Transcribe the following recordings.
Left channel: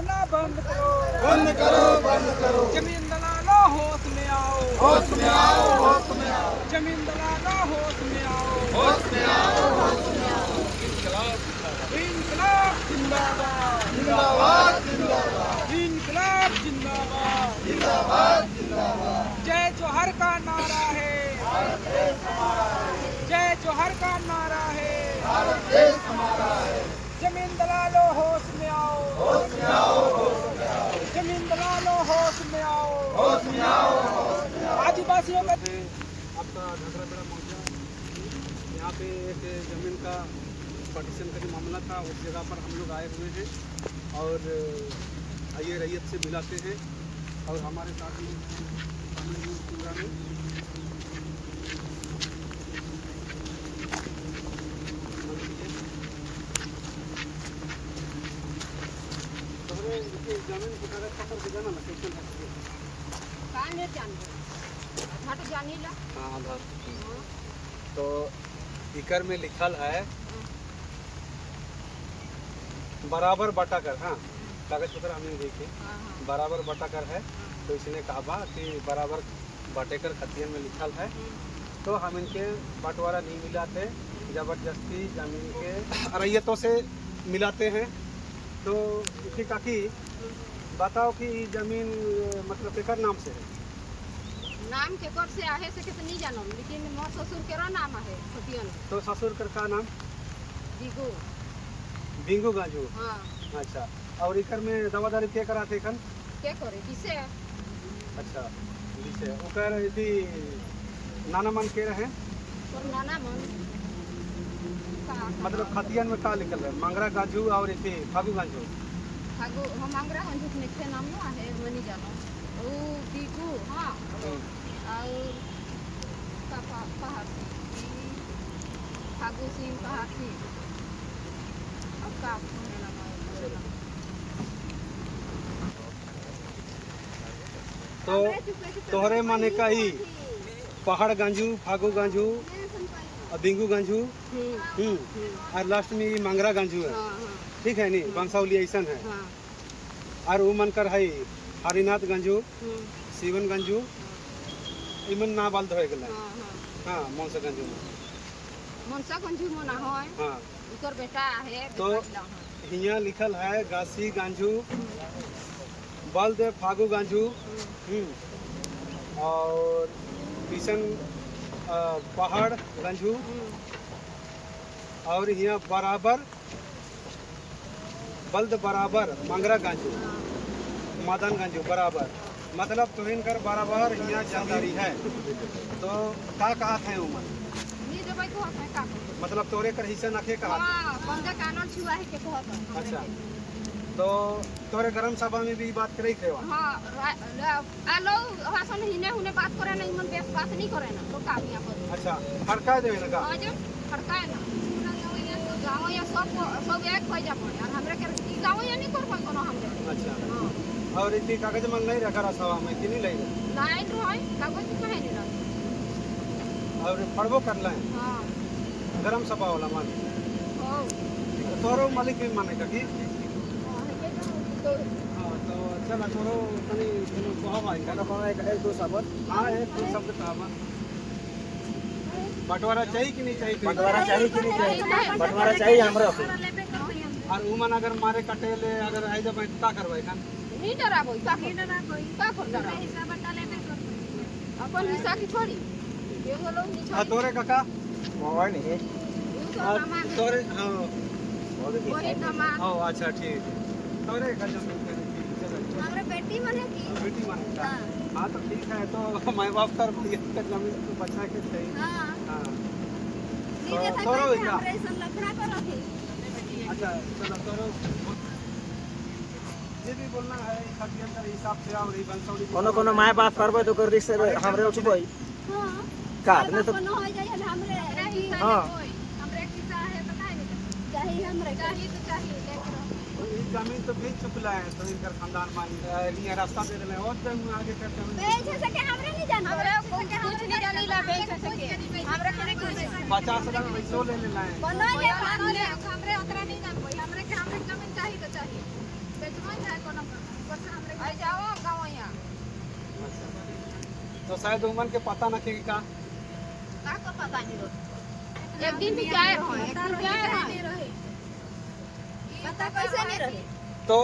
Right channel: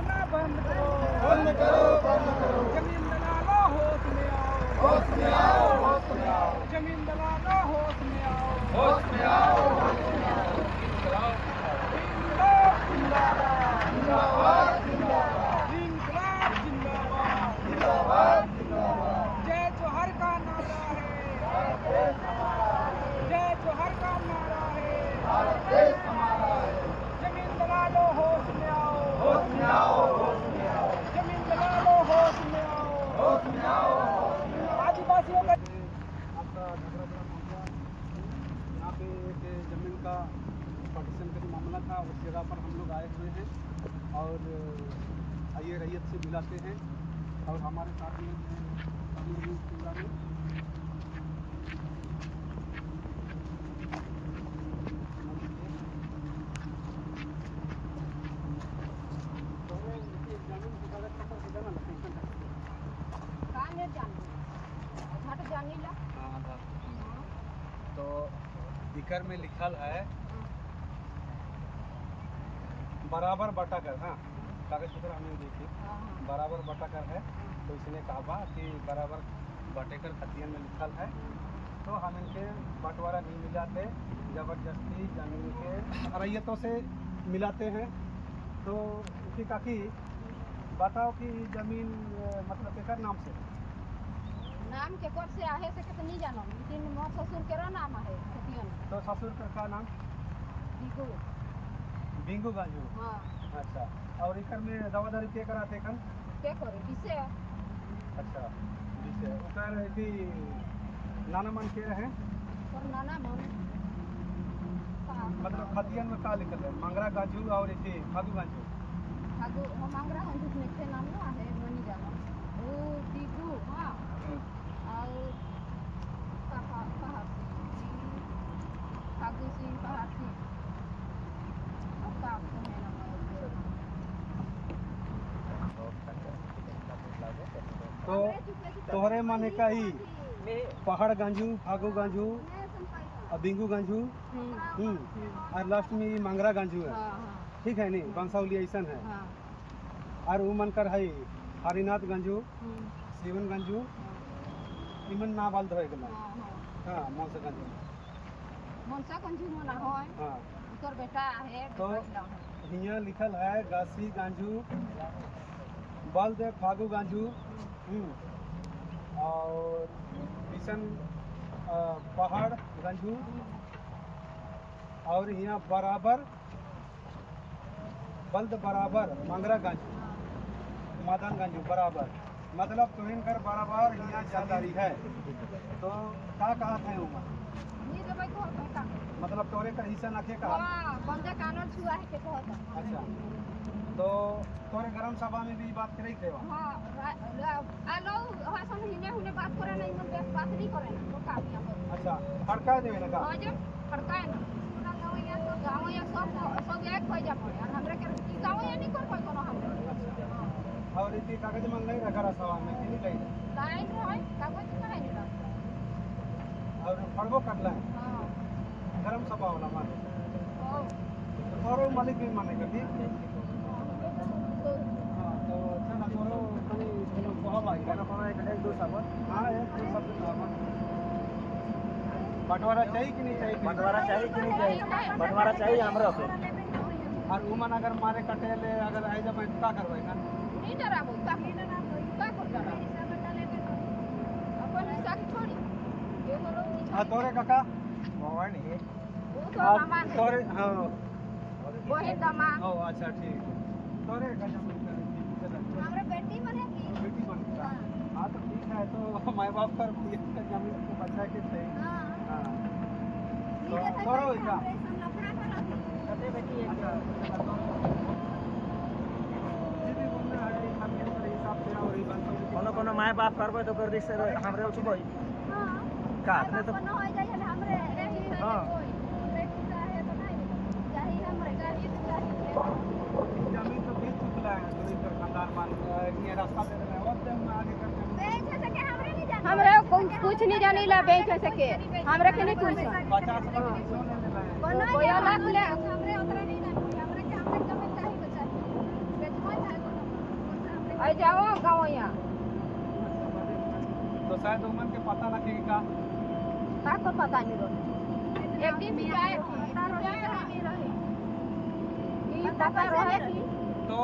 रोकना बंद करो, बंद करो, बंद करो। जमीन दलालों होश में आओ, होश में आओ, होश में आओ, जमीन दलालों होश में आओ, होश में आओ, होश में आओ। इंकलाब जिंदाबाद, जिंदाबाद, जिंदाबाद, इंकलाब जिंदाबाद, जिंदाबाद, जिंदाबाद। जय जोहर का नारा है, भारत देश हमारा है, जय जोहर का नारा है, भारत देश हमारा है। जमीन दलालों होश में आओ, होश में आओ, होश में आओ, जमीन दलालों होश में आओ, होश में आओ, होश में आओ। आदिवासियों का आपका घगरापेड़ा पहुंचा। यहाँ पे एक ज़मीन का पार्टीशन का जो मामला था उस जगह पर हम लोग आए हुए हैं और आइए रैयत से मिलाते हैं और हमारे साथ में शामिल हैं पूरा में जमीन के कागज पत्र के जाना ना कैसे जानीला हाँ तो इकर में लिखल है बराबर बटाकर। हाँ कागज पत्र हमें देखे बराबर बटाकर है तो इसने कहा कि बराबर बटेकर खतियन में लिखल है तो हम इनके बंटवारा नहीं मिलाते, जबरदस्ती जमीन के रैयतों से मिलाते हैं। तो इसी काकी बताओ कि जमीन मतलब केकर नाम से है? नाम के कर से आहे से कितनी जानम लेकिन मोर ससुर के नाम है खतियन में। तो ससुर कर का नाम दीगो बिंगू गाजू। हाँ अच्छा और इकर में दवादारी के कराते खन? के करे किसे अच्छा जिसे ओकर यदि नाना मन के रहे और नाना मन मतलब खतियन में का लिखल है? मंगरा गाजू और इति फागू गाजू। फागु हम अंगरा हन जितने के नाम ना है मनी जानो ओ दीगो हाँ और पापा पहाड़ सिंह फागु सिंह पहाड़ सिंह अब का है ना मैं तो तोहरे माने का ही पहाड़ गांजू फागू गांजू और बिंगू गांजू और लास्ट में मंगरा गांजू है। ठीक है नी बंसावली ऐसा है और वो मन कर है हरिनाथ गंजू शिवन गंजू इमन ना बाल धोए गला। हाँ मनसा गंजू में मनसा गंजू मना है हाँ उकर बेटा है तो हिया लिखल है गासी गांजू बल्द फागू गांजू और किशन पहाड़ गंजू और यहाँ बराबर बल्द बराबर मंगरा गांजू मदन गंजू बराबर मतलब तुहिन कर बराबर यहाँ जादारी है। तो का कहा थे उमन नी देबै को है का को मतलब तोरे कर हिस्सा नखे कहा। हां बंदे कानून छुआ है के कहत है अच्छा तो तोरे गरम सभा में भी बात करे थे वहाँ? हां आलो हासन हिने हुने बात करे ना इमन बेस बात नहीं करे ना तो का यहाँ पर अच्छा हड़का देवे ना का आज हड़काए ना गाँव या सब एक हो जाबो यार हमरे के गाँव या नहीं कर पाए कोनो हमरे। अच्छा हां और इतनी कागज मन नहीं रखा रहा सभा में कि नहीं ले लाइन रहे कागज काहे नहीं रख और पढ़बो कर ले हां गरम सभा वाला मान हो तोरो मालिक भी माने का की हाँ तो चल तोरो तनी तनो कहा भाई का एक दो शब्द। हाँ एक दो शब्द कहा बंटवारा चाहिए कि नहीं चाहिए? बंटवारा चाहिए कि नहीं चाहिए? बंटवारा चाहिए हमरा से। और उमन अगर मारे कटेले अगर आई जब का करवाई खान नहीं डराबो का नहीं डराबो का कर डरा हिसाब बता लेबे कर अपन हिसाब की छोड़ी ये वाला नहीं हाँ तोरे काका मोबाइल नहीं है। तोरे हाँ वही दामाद हाँ अच्छा ठीक है तोरे का जमीन हमरे बेटी मने की बेटी मान हाँ तो ठीक है तो माँ बाप कर जमीन को बचा के थे। हां हाँ नहीं देता तोरो हमरे सन लफड़ा करो थी अच्छा चलो तोरो ये भी बोलना है खातिर अंदर हिसाब से और ये बंसौरी कोनो माय बाप करबे तो कर रिश्ते हमरे उठी भाई का ने तो कोनो हो जाए हमरे हिसाब हां हमरे किसा है बताए नहीं चाहिए हमरे चाहिए तो चाहिए ये जमीन तो बेच चुकला है तो इनका खानदान मान ये रास्ता दे रहे हैं और तो हम आगे करते हैं बेच सके हमरे नहीं जाना हमरे कुछ नहीं जाने ला बेच सके हमरे के नहीं कुछ 50 लाख पैसा ले लेना है हमरे उतना नहीं जान कोई हमरे के हमरे जमीन चाहिए तो चाहिए आई जाओ गाँव यहाँ तो शायद उमन के पता ना कि का का पता नहीं रहो एक दिन भी जाए रहो एक दिन जाए रहो पैसे नहीं रही तो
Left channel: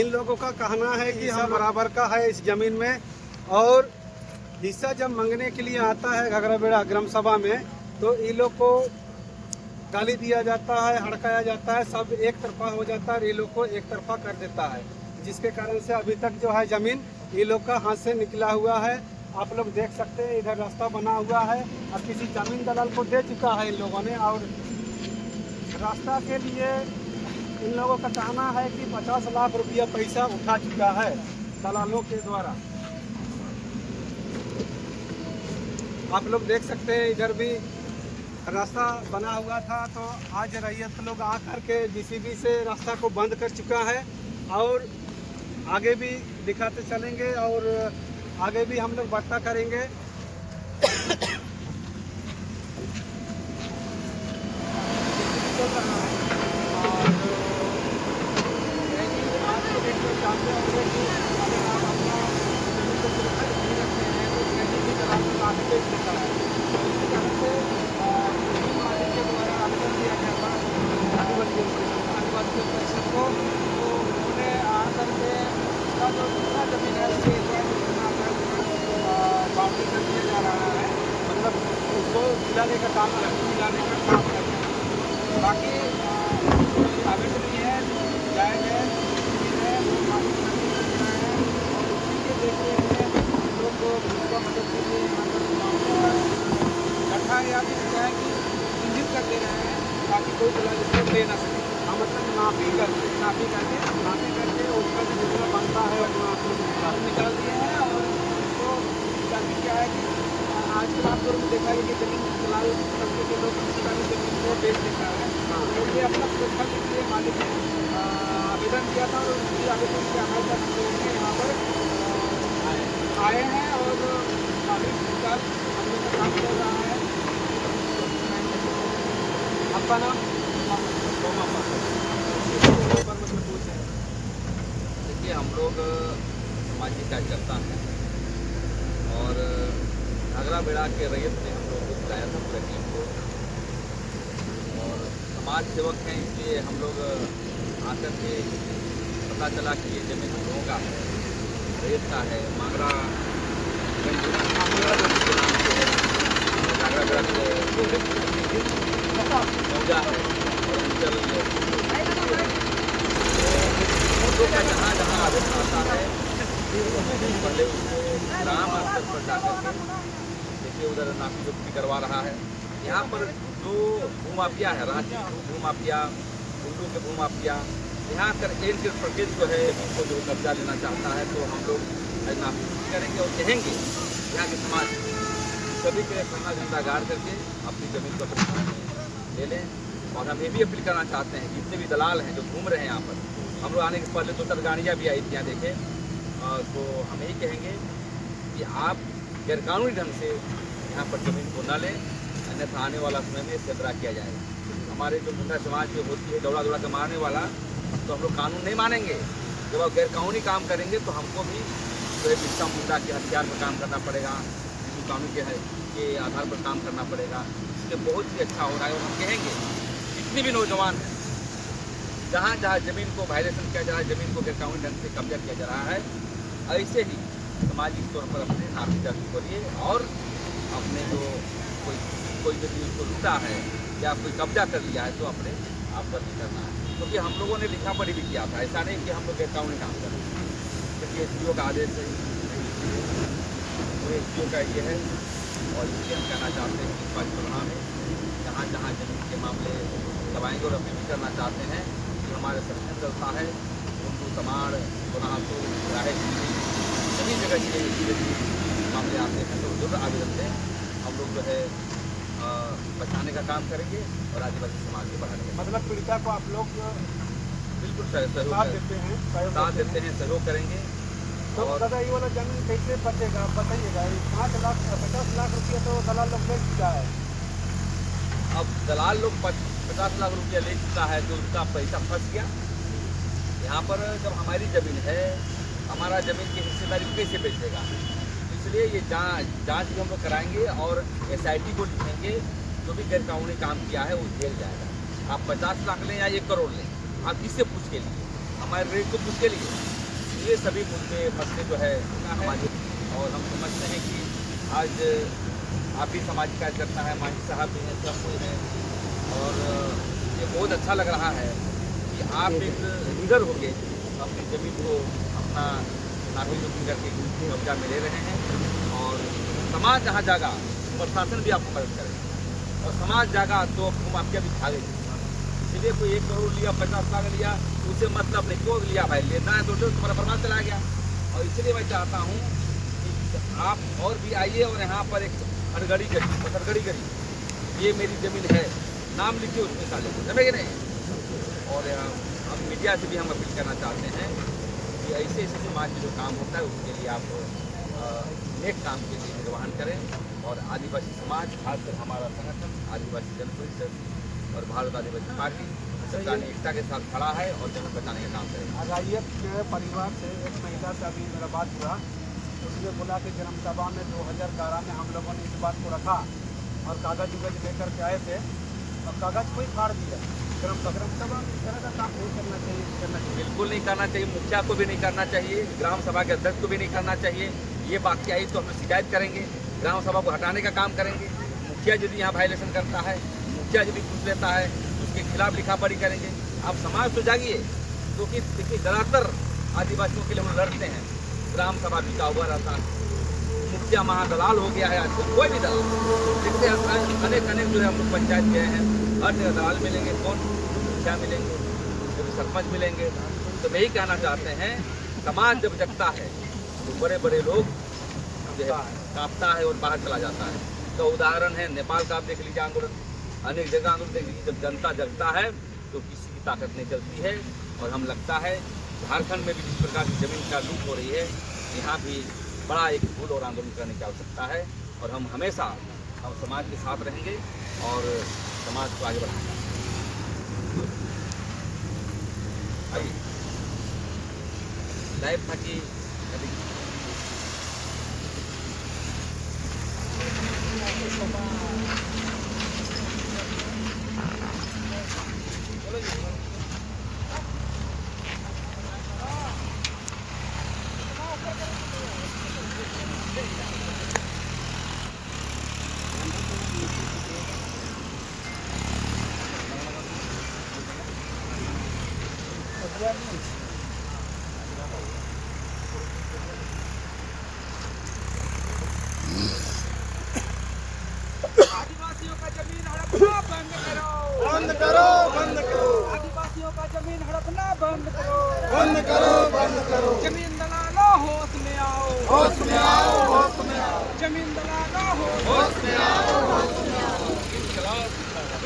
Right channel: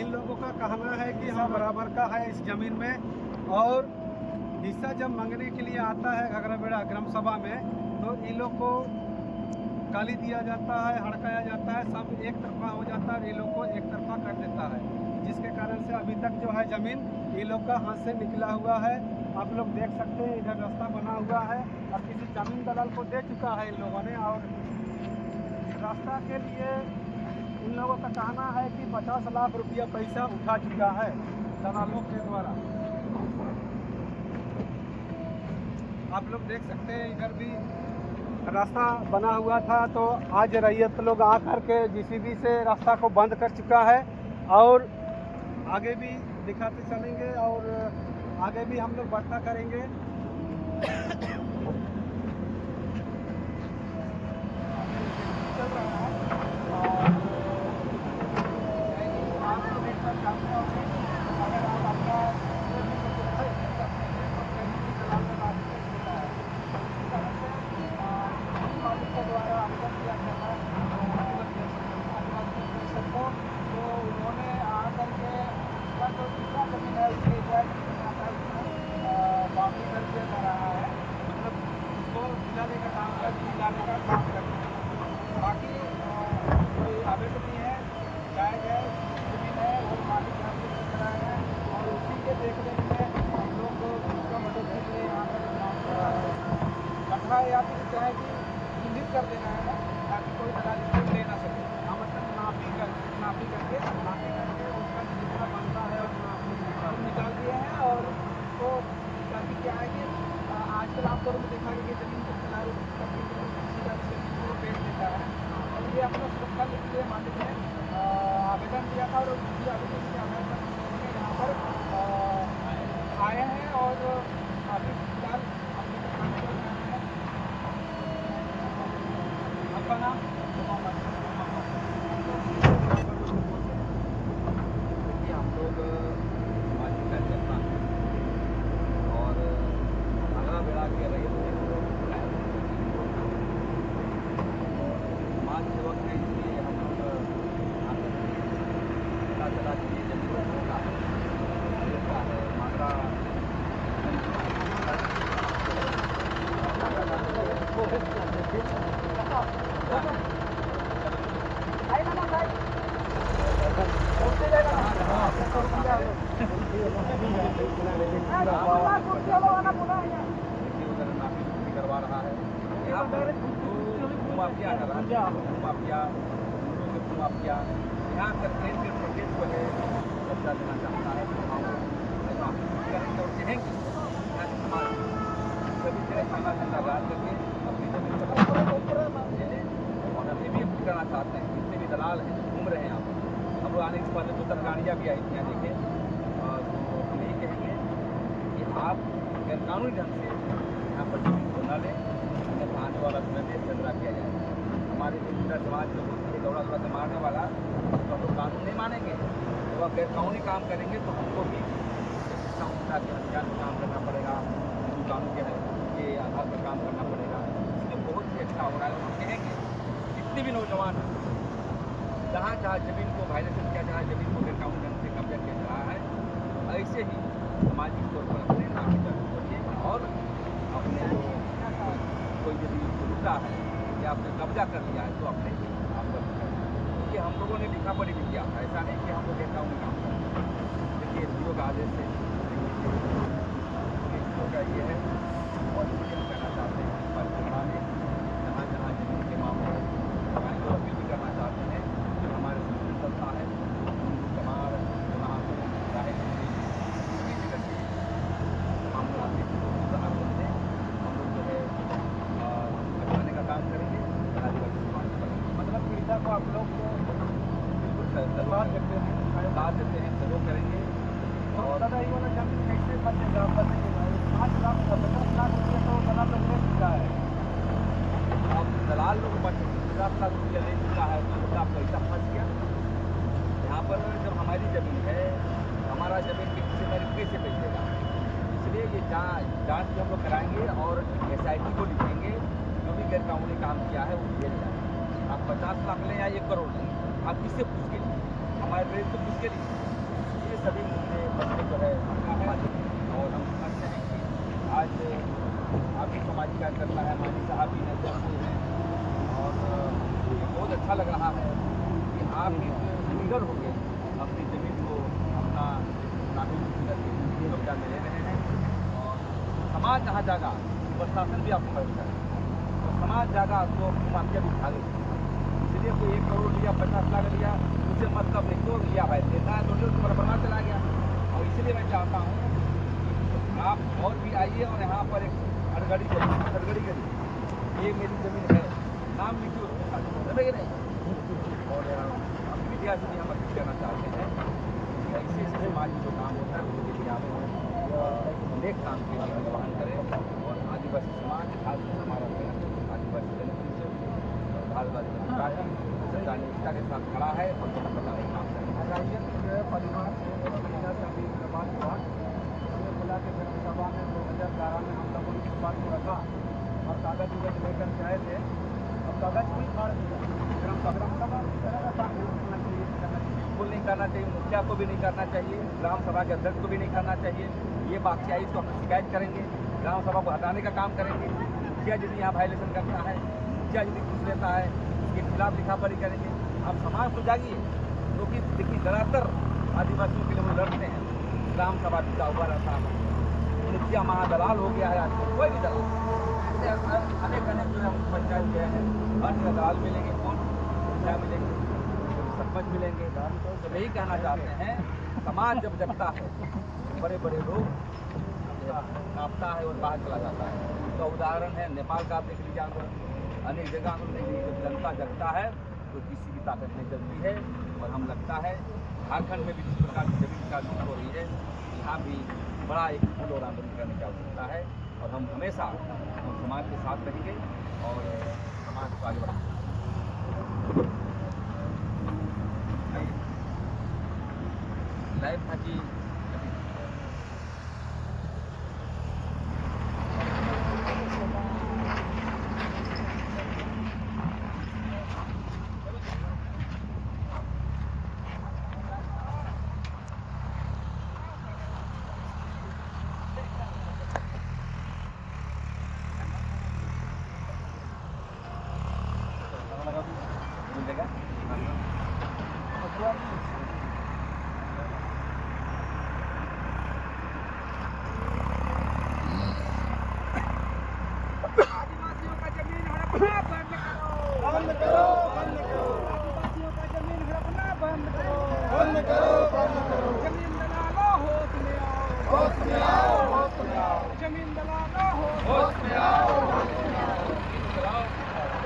इन लोगों का कहना है कि हिस्सा बराबर का है इस जमीन में, और हिस्सा जब मांगने के लिए आता है घगरा बेड़ा ग्राम सभा में तो इन लोग को गाली दिया जाता है, हड़काया जाता है, सब एक तरफा हो जाता है, ये लोग को एक तरफा कर देता है, जिसके कारण से अभी तक जो है जमीन ये लोग का हाथ से निकला हुआ है। आप लोग देख सकते हैं इधर रास्ता बना हुआ है और किसी जमीन दलाल को दे चुका है इन लोगों ने, और रास्ता के लिए इन लोगों का कहना है कि 50 लाख रुपया पैसा उठा चुका है दलालों के द्वारा। आप लोग देख सकते हैं इधर भी रास्ता बना हुआ था, तो आज रैयत लोग आकर के जेसीबी से रास्ता को बंद कर चुका है, और आगे भी दिखाते चलेंगे और आगे भी हम लोग बढ़ता करेंगे। चल रहा है और आप लोग देखकर जानते होंगे कि अगर आप अपना जमीन को सुरक्षित नहीं रखते हैं तो कहीं भी दलाल को आगे बेच देता है। तो इसी कारण से जमीन मालिक के द्वारा आवेदन दिया गया था आदिवासी परिषद को, तो उन्होंने आकर के उसका जो दूसरा जमीन है उसके द्वारा जितना आता है उतना बाउंड्री कर दिया जा रहा है, मतलब उसको दिलाने का काम कर रहे हैं। बाकी कोई आवेदन नहीं है, जायज़ है, जमीन है, वो मालिक नजदीक कर रहे हैं और उसी के देख रेख में हम लोग उसका मदद के लिए यहाँ पर गड्ढा या फिर क्या है कि चिन्हित कर दे रहे हैं ताकि कोई दलाल इसको ले ना सके। हाँ, मतलब नापी करके उसका जो जितना बनता है हम निकाल दिए हैं, और तो ताकि क्या है कि आजकल आमतौर में देखा गया कि जमीन दलाल तबके के लोग किसी का भी जमीन को बेच देता है, तो ये अपना सुरक्षा के लिए मालिक ने आवेदन दिया था, और उसी आवेदन के आधार पर हम लोगों ने यहाँ पर आए हैं और अभी फिलहाल हम लोग का काम चल रहा है। आपका नाम? देखिए, हम लोग सामाजिक कार्यकर्ता हैं और घाघरा बेड़ा के रैयत ने हम लोगों को बुलाया था पूरे टीम को, और समाज सेवक हैं इसलिए हम लोग आकर के पता चला कि ये जमीन हम लोगों का है, रैयत का है, मांगरा गंज के नाम से है, और घाघरा बेड़ा से मौजा है और अंचल फोटो का जहाँ जहाँ आवेदन आता है पहले उसको ग्राम स्तर पर जाकर के देखिए, उधर नापी जोखी करवा रहा है। यहाँ पर जो भूमाफिया है, रांची भूमाफिया, गुंडों के भूमाफिया, यहाँ कर एन के प्रदेश जो है उनको जो कब्जा लेना चाहता है, तो हम लोग नापी जोखी करेंगे और कहेंगे यहाँ के समाज सभी के खाना झंडा गाड़ करके अपनी ज़मीन को ले लें। और हम ये भी अपील करना चाहते हैं जितने भी दलाल हैं जो घूम रहे हैं यहाँ पर, हम लोग आने के पहले 2-4 गाड़ियाँ भी आई थी यहाँ देखे, तो हम यही कहेंगे कि आप गैरकानूनी ढंग से यहाँ पर ज़मीन को न लें, अन्यथा आने वाला समय में खतरा किया जाएगा। हमारे जो गुंडा समाज जो होती है दौड़ा दौड़ा के मारने वाला, तो हम लोग कानून नहीं मानेंगे। जब आप गैरकानूनी काम करेंगे तो हमको भी जो है बिस्सा मुंडा के हथियार पर काम करना पड़ेगा, हिंदू कानून के आधार पर काम करना पड़ेगा। इसलिए बहुत ही अच्छा हो रहा है, और हम कहेंगे जितने भी नौजवान हैं जहाँ जहाँ ज़मीन को वायलेशन किया जा रहा है, ज़मीन को गैरकानूनी ढंग से कब्जा किया जा रहा है, ऐसे ही सामाजिक तौर पर अपने नापी जाति करिए, और अपने जो कोई यदि उसको लूटा है या कोई कब्जा कर लिया है तो अपने आप पर नहीं करना है, क्योंकि हम लोगों ने लिखा पढ़ी भी किया था। ऐसा नहीं कि हम लोग गैरकानूनी काम कर रहे हैं। देखिए, एसडीओ का आदेश है, पूरे एसडीओ का ये है, और इसलिए हम कहना चाहते हैं कि इस परिणाम में जहाँ जहाँ जमीन के मामले दबाएंगे, और अपील भी करना चाहते हैं कि हमारे संगठन चलता है गुंडू तमाड़ गुनाहसू राहे सभी जगह ये मामले आते हैं, तो जरूर आवेदन दें। हम लोग जो है बचाने का काम करेंगे और आदिवासी समाज को बढ़ाने का, मतलब पीड़िता को आप लोग बिल्कुल सहयोग देते हैं, साथ देते हैं, सहयोग करेंगे। तो और दादा ये वाला जमीन कैसे बचेगा बताइएगा? 5 लाख 50 लाख रुपये तो दलाल लोग ले चुका है। अब दलाल लोग 50 लाख रुपया ले चुका है, तो उसका पैसा फंस गया। यहाँ पर जब हमारी ज़मीन है, हमारा ज़मीन की हिस्सेदारी को कैसे बेच देगा? इसलिए ये जांच भी हम लोग कराएंगे और SIT को लिखेंगे, जो भी गैरकानूनी काम किया है वो जेल जाएगा। आप 50 लाख लें या 1 करोड़ लें, आप किससे पूछ के लिए? हमारे रेट को पूछ के लिए? ये सभी मुद्दे मसले जो है हमारे, और हम समझते हैं कि आज आप भी समाज कार्य करना है, मांझी साहब भी हैं, सब कोई हैं, और ये बहुत अच्छा लग रहा है कि आप एक लीडर होके अपनी ज़मीन को अपना नापी जोखी करके कब्जा में ले रहे हैं, और समाज जहाँ जागा प्रशासन भी आपको मदद करेगा, और समाज जागा तो माफिया भी भागेगी। इसलिए कोई 1 करोड़ लिया, 50 लाख लिया, उसे मतलब नहीं, क्यों लिया भाई? लेना है तो लो, तुम्हारा बर्बाद चला गया। और इसलिए मैं चाहता हूँ कि आप और भी आइए और यहाँ पर एक हड़गड़ी करिए, पथरगड़ी करिए, ये मेरी ज़मीन है, नाम लिखिए उसमें साझा कर, समझे कि नहीं? और अब मीडिया से भी हम अपील करना चाहते हैं कि ऐसे ऐसे समाज में जो काम होता है उसके लिए आप नेक काम के लिए निर्वहन करें, और आदिवासी समाज, खासकर हमारा संगठन आदिवासी जन परिषद और भारत आदिवासी पार्टी सरकारी एकता के साथ खड़ा है और जगह बचाने का काम करेगा। राजयक जो है परिवार से एक महिला से अभी बात हुआ, उसने बोला कि ग्राम सभा में 2011 में हम लोगों ने इस बात को रखा और कागज उगज लेकर के आए थे, और कागज कोई फाड़ दिया। ग्राम सभा इस तरह का काम नहीं करना चाहिए, बिल्कुल नहीं करना चाहिए, मुखिया को भी नहीं करना चाहिए, ग्राम सभा के अध्यक्ष को भी नहीं करना चाहिए। ये बात आई तो हम शिकायत करेंगे, ग्राम सभा को हटाने का काम करेंगे। मुखिया यदि यहाँ वायलेशन करता है, मुखिया यदि घूस लेता है, उसके खिलाफ लिखा पढ़ी करेंगे। आप समाज तो जागिए, क्योंकि देखिए ज़्यादातर आदिवासियों के लिए हम लड़ते हैं, ग्राम सभा बिका हुआ रहता है, मुखिया महादलाल हो गया है आजकल, कोई भी दलाल। देखते अनेक जो है हम लोग पंचायत गए हैं, हर जगह दलाल मिलेंगे, कौन मुखिया मिलेंगे, कभी सरपंच मिलेंगे। तो यही कहना चाहते हैं, समाज जब जगता है तो बड़े बड़े लोग जो है कांपता है और बाहर चला जाता है। तो उदाहरण है नेपाल का, आप देख लीजिए आंदोलन, अनेक जगह आंदोलन देख लीजिए। जब जनता जगता है तो किसी की ताकत नहीं चलती है। और हम लगता है झारखंड में भी जिस प्रकार की ज़मीन का लूट हो रही है, यहाँ भी बड़ा एक फूल और आंदोलन करने की आवश्यकता है। और हम हमेशा समाज के साथ रहेंगे और समाज को आगे बढ़ाएंगे। आइए, लाइव था कि आदिवासियों का जमीन हड़पना बंद करो, बंद करो, बंद करो। आदिवासियों का जमीन हड़पना बंद करो, बंद करो, बंद करो। जमीन दलालों होश में आओ, होश में आओ, होश में आओ। जमीन दलालों होश में आओ, होश में आओ।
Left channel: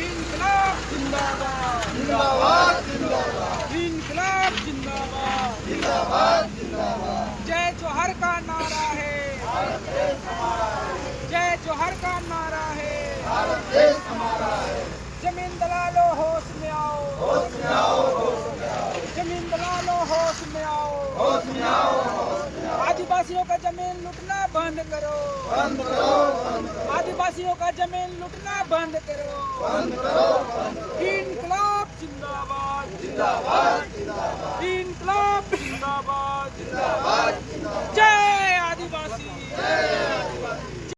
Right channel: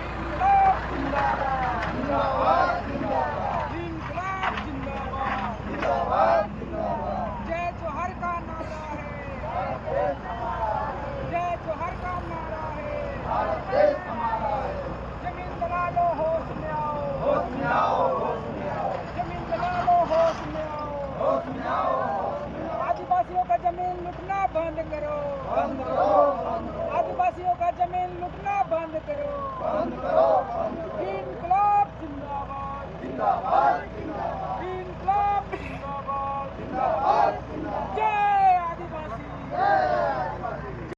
इंकलाब जिंदाबाद, जिंदाबाद, जिंदाबाद, इंकलाब जिंदाबाद, जिंदाबाद, जिंदाबाद। जय जोहर का नारा है, भारत देश हमारा है, जय जोहर का नारा है, भारत देश हमारा है। जमीन दलालों होश में आओ, होश में आओ, होश में आओ। जमीन दलालों होश में आओ, होश में आओ, होश में आओ। आदिवासियों का जमीन लूटना बंद करो, बंद करो, बंद करो। आदिवासियों का जमीन लूटना बंद करो, बंद करो, बंद करो। इंकलाब जिंदाबाद, जिंदाबाद।